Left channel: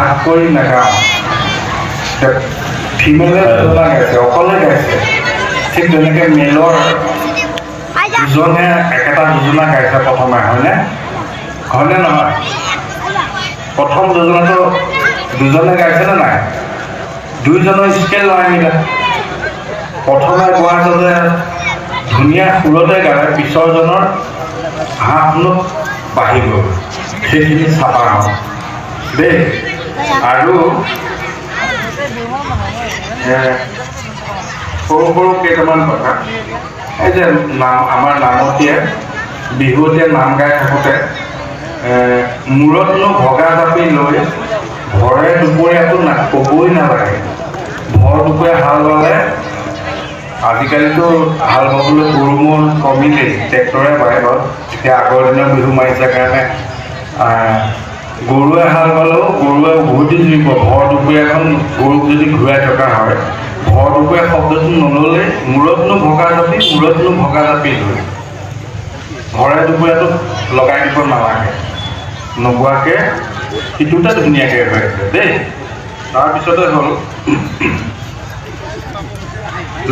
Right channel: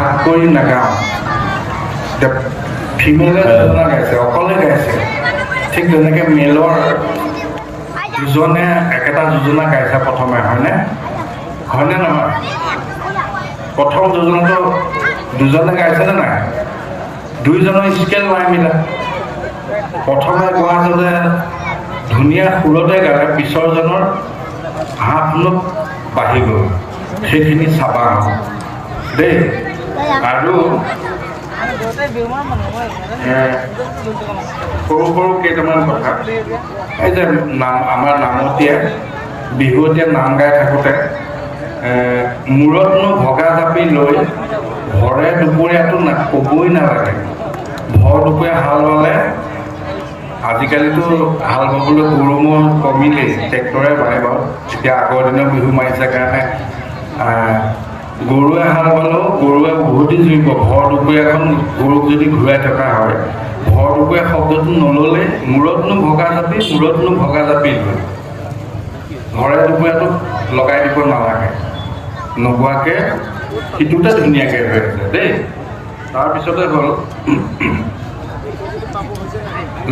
কৰি নাগাওঁ। এতিয়া ফিমেলে যোজনা গাইছে অকলে গাইছে। ঠিক তেনেকৈ মেলৰ দুজনে একেটা যোজনা গাইছে প্ৰথমে হয়নে? হয়নে নহয়? প্ৰথম যোজনাটো দুজনে গাইছেনে নাই? দুইজনৰ স্কেল নাই মিলা। প্ৰথমে গোৱাজনে ধুনীয়া সুৰতে গালে পিছৰজনৰ হাত নোট বাঢ়ি গ'ল। সেইখিনি চাবা হ'ল দেই। আৰু সৰু সৰু কেইটামান কথা। এই যে নাম আমাৰ নামতীয়ে বিহুতীয়ে নাম গাই থাকোঁতে মূৰতনো ভগা জাপি লৈ ভৰে দুপৰীয়াটো না ক'বই নালাগে। ভৰ দুপৰীয়া হাল বালে আজিকালিতো হাল বাবলৈ গৰু ম'হ কমিলেই ট্ৰেক্টৰে বায় বাৰু এতিয়া আগৰ দিনৰ বিহু মাৰিছে কাৰণে গৰুৱে হাল বালেও গৰুৱে উভতি জুৰিব। ভৰ দুপৰীয়াখন গৰুক যদি ঘূৰাই থকা হয় ভৰ দুপৰীয়া শব্দটো নল'লে মূৰতনো ভগা জাপি মূৰতনো ভগা জাপি লৈ ভৰে দুপৰীয়াটো লগাই দিব নালাগে। নোগোৱাকৈ সিটোতে ধুনীয়াকৈ হৈ আছে দেই। তাৰপিছতে হ'ল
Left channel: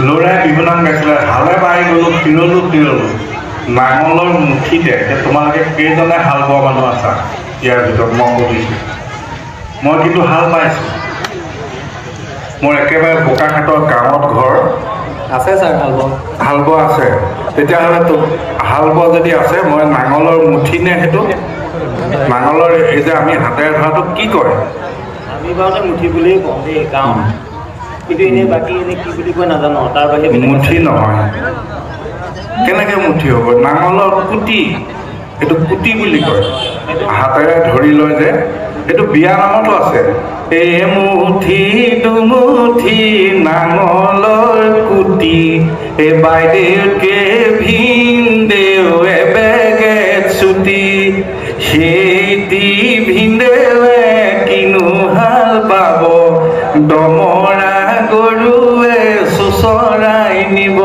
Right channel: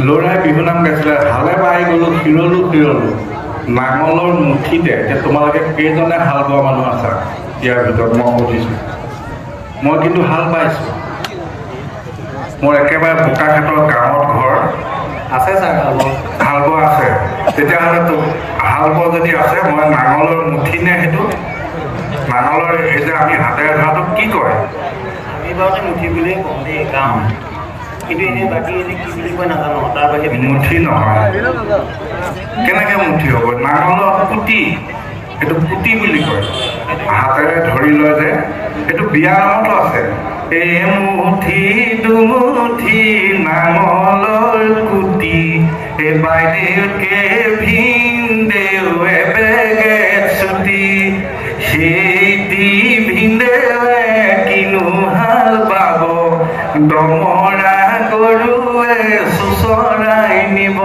ল'ৰাই বিহুনাম গাইছিলে হালে বাই গ'লো শিৰলো শিৰলো। নাঙলৰ মুঠিতে তোমালোকে কেইজনে হাল বোৱা মানুহ আছা? ইয়াৰ ভিতৰত মই সুধিছোঁ। মই কিন্তু হাল বাইছোঁ মোৰ একেবাৰে বোকাঘাটৰ গাঁৱত ঘৰ। আছে ছাৰ হাল বোৱা। আছে। তেতিয়াহ'লে তো হাল যদি আছে মই নাঙলৰ মুঠি নে সেইটো? নাঙলৰ এই যে আমি হাতেৰে ধৰাটোক কি কৰে আমি বাৰুতে মুঠি বুলিয়ে কওঁ দেই গাঁও কিন্তু এনেই বাকী এনেই কি বুলি কয় নাজানো তাৰ বাহিৰে মুঠি নহয়। কেনেকৈ মুঠি হ'ব? নাঙলৰ কুটি সেইটো কুটি বুলি কয়। হাতেৰে ধৰি লয় যে সেইটো বিয়া নামতো আছে। এই মুঠি দুমুঠি নাঙলৰ কুটি এই বাইদেউকে ভিনদেউ এবেগে ছুটি সেই দি ভিনদেৱে কিনো হাল বাব, দমৰা গৰুৱে চুচৰাই নিব।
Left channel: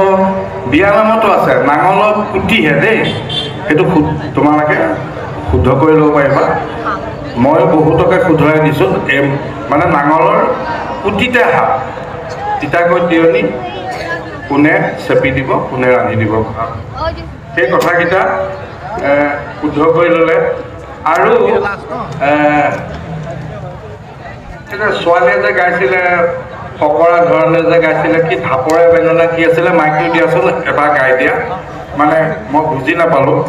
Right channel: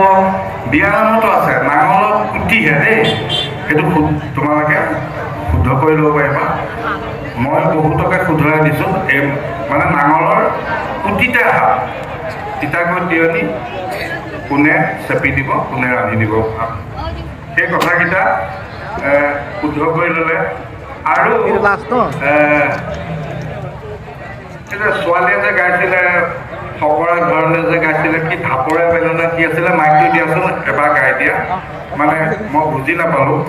বিয়া নামতো আছে, নাঙলত কুটিহে দেই। সেইটো তোমালোকে শুদ্ধ কৰি ল'ব পাৰিবা মই বহুতকে শুধৰাই দিছোঁ এই মানে নাঙলৰ কুটিতে হাত তিতাকৈ তিয়নি কোনে চেপি দিব কোনে ৰান্ধি দিব সেই কথাকেইটা শুদ্ধ কৰি ল'লে। আৰু ছোৱালীয়ে যে গাইছিলে ফকৰা ধৰণে যে গাইছিলে কি ধাপৰে বেঙেনা কি আছিলে মাইকটো দিয়াচোন এবাৰ গাই দিয়া। মানে মই বুজি নাপালোঁ।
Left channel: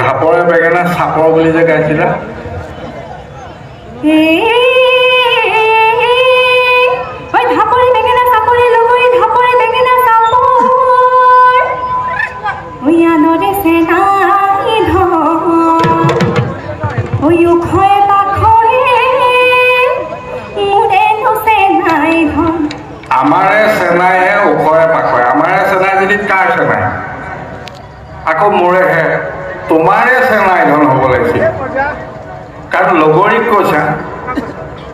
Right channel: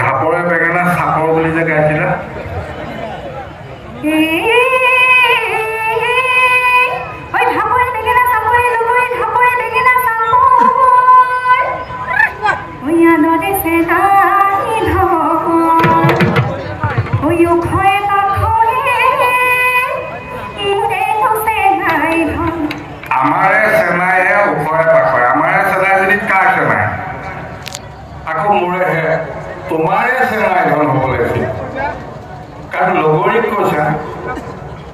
ধাপৰে বেঙেনা চাপৰ বুলি যে গাইছিলে? আমাৰে চেনাইহে ওখৰে পাখৰে আমাৰে চেনাই যদি কাৰ চেনাই আকৌ মোৰেহে। তোমাৰে চেনাই ধন হ'ব লাগিছিল। কাৰণ লগৰীক কৈছা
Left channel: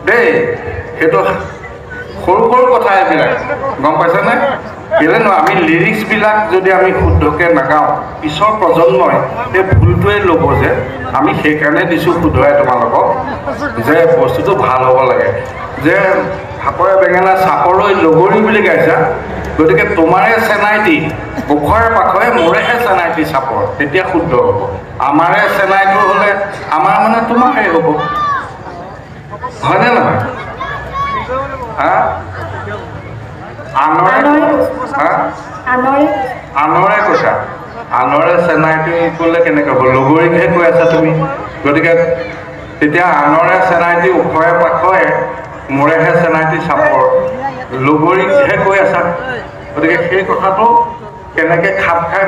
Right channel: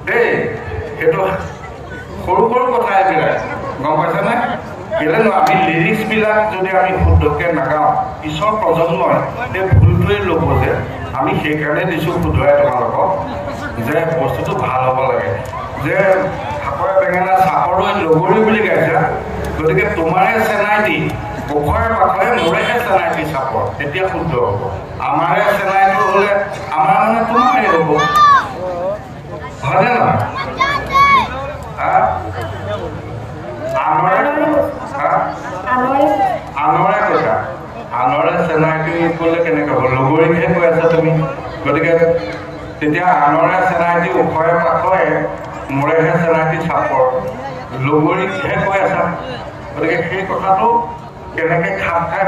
দেই সেইটো সৰু সৰু কথা এইবিলাক। গম পাইছানে? কেলেনো আমি লিৰিক্সবিলাক যদি আমি শুদ্ধকৈ নাগাওঁ, পিছৰ প্ৰজন্মই সেই ভুলটোৱে ল'ব যে আমি সেইকাৰণে দিছোঁ শুদ্ধৰাই তোমালোকক যে বস্তুটো ভালো হ'ব লাগে। যে সাপৰে বেঙেনা চাপৰৈ লগৰী বুলি গাইছা গতিকে তোমাৰে চেনাইটি ওখৰে পাখৰে মোৰেহে চেনাইটি চাপৰ তেতিয়া শুদ্ধ হ'ব। আমাৰে চেনাইটো হ'লে আমাৰ মানে তোমাৰে হ'ব। হয়নে নহয়? হা? আনৰে হা? আনৰে। আনৰে কৈছা আনৰে চেনাইটো ক'লে কেনেকৈ হ'ব? লগৰীকহে কৈ আছা তুমি। গতিকে তেতিয়া আনৰে চেনাইটি ওখৰে পাখৰে মোৰেহে চেনাইটি চাপৰ। লগৰীকহে কৈ আছা। গতিকে সেই কথাটো কেনেকৈ খাপ খাই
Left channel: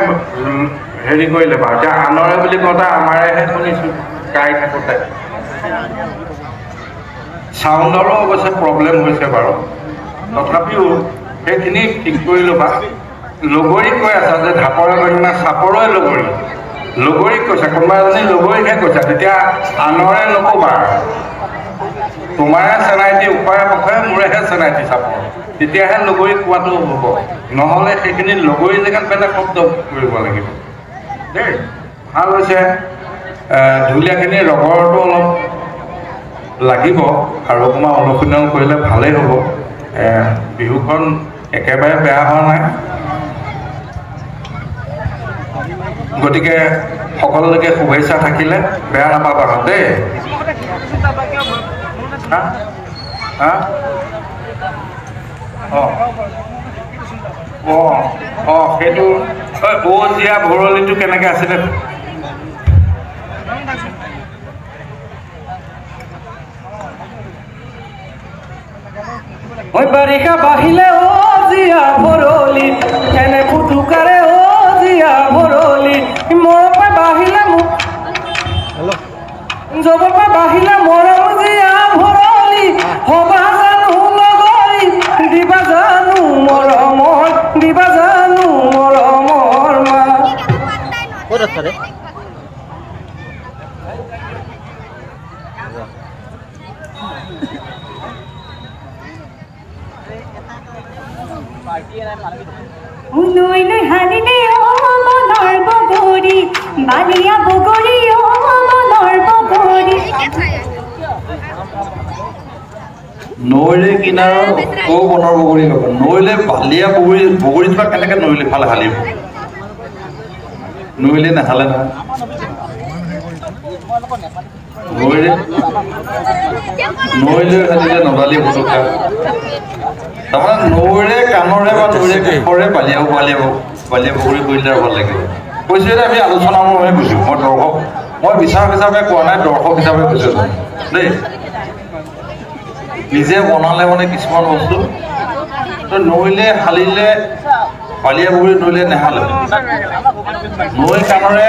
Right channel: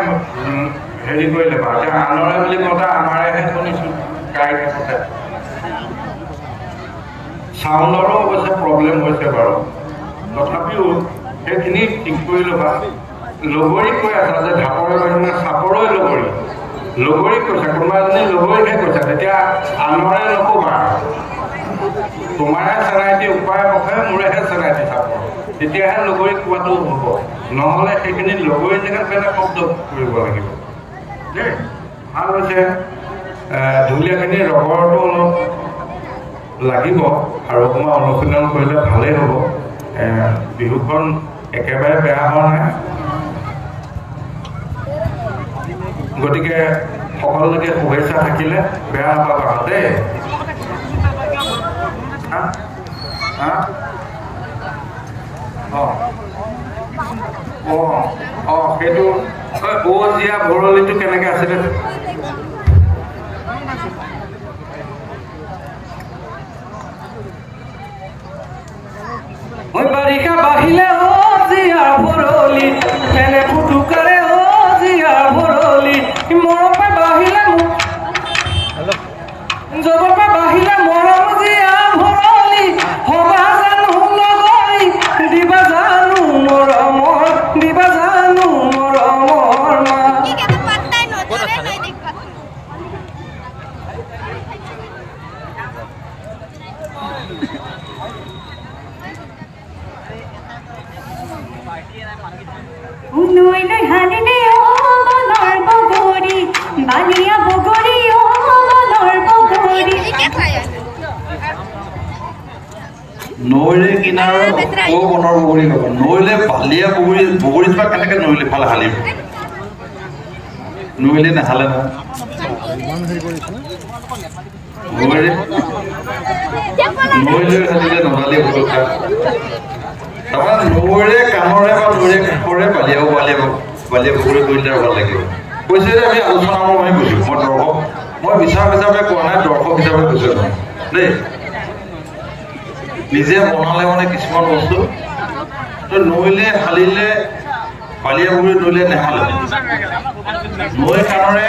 হেৰি কৰি ল'বা এতিয়া আনৰে বুলি কওঁতে আমাৰেহে শুনিছোঁ, গাই থাকোঁতে। চাউণ্ডৰো অৱশ্যে প্ৰব্লেম হৈছে বাৰু। তথাপিও সেইখিনি ঠিক কৰি ল'বা। লগৰীক কৈ আছা যে ঢাপৰে বেঙেনা চাপৰৰে লগৰী। লগৰীক কৈছা, কোনোবা এজনী লগৰীকহে কৈছা। তেতিয়া আনৰে নক'বা। তোমাৰে চেনাইটি উপায়ে পখাৰে মোৰেহে চেনাইটি চাপৰ। তেতিয়াহে লগৰী কোৱাটো হ'ব। নহ'লে সেইখিনি লগৰী জেগাত বেলেগ শব্দ কৰিব লাগিব। দেই, ভালো হৈছে ঢুলীয়াখিনি ৰগৰটো অলপ লাগিব আৰু অকণমান অনুশীলন কৰিলে ভালেই হ'ব। বিহুখন একেবাৰে বেয়া হোৱা নাই। গতিকে সকলোলৈকে শুভেচ্ছা থাকিলে বেয়া নাপাবা দেই। হা? হা অঁ অঁ অঁ সেইটো অ' জীয়া ভৰলিটো কেনেকৈ আছিলে? ওই বারিকা বাহিলে ও জিয়া ভরলি ও বগৰী বালিয়া ও নৈলে কিনাৰৰ ঔ বনৰ বগৰী হ'ব। নৈলে বালিয়া বগৰী বগৰীজোপা কেনেকৈ নৈলে ফালে হালিব নাহালে না নৈলে নৈলে হালিলে নজালিয়ে ফটকা তাৰমানে নৈৰে কাণৰে বা নৈৰে কাষৰে বালিয়া বালিয়া বালিয়া বগৰী কৰিলে ভালো লাগিব। কৈছোঁ যে, আমি আলোচনা মই কৈছোঁ মই দৰ্শক। মই বিচাৰক হিচাপে কোৱা নাই, দৰ্শক হিচাপে কৈছোঁ দেই। নিজে বনালে মানে কিছুমান বস্তু। তো নৈলে হালিলে বালিয়া বগৰী নৈলে নেহালে নৈ কাণৰে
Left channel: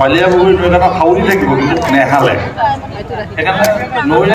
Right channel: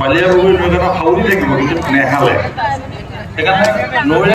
বালিয়া বগৰী নৈ কাণত হাউলি থাকিব কিন্তু নেহালে। সেইকাৰণে নৈৰে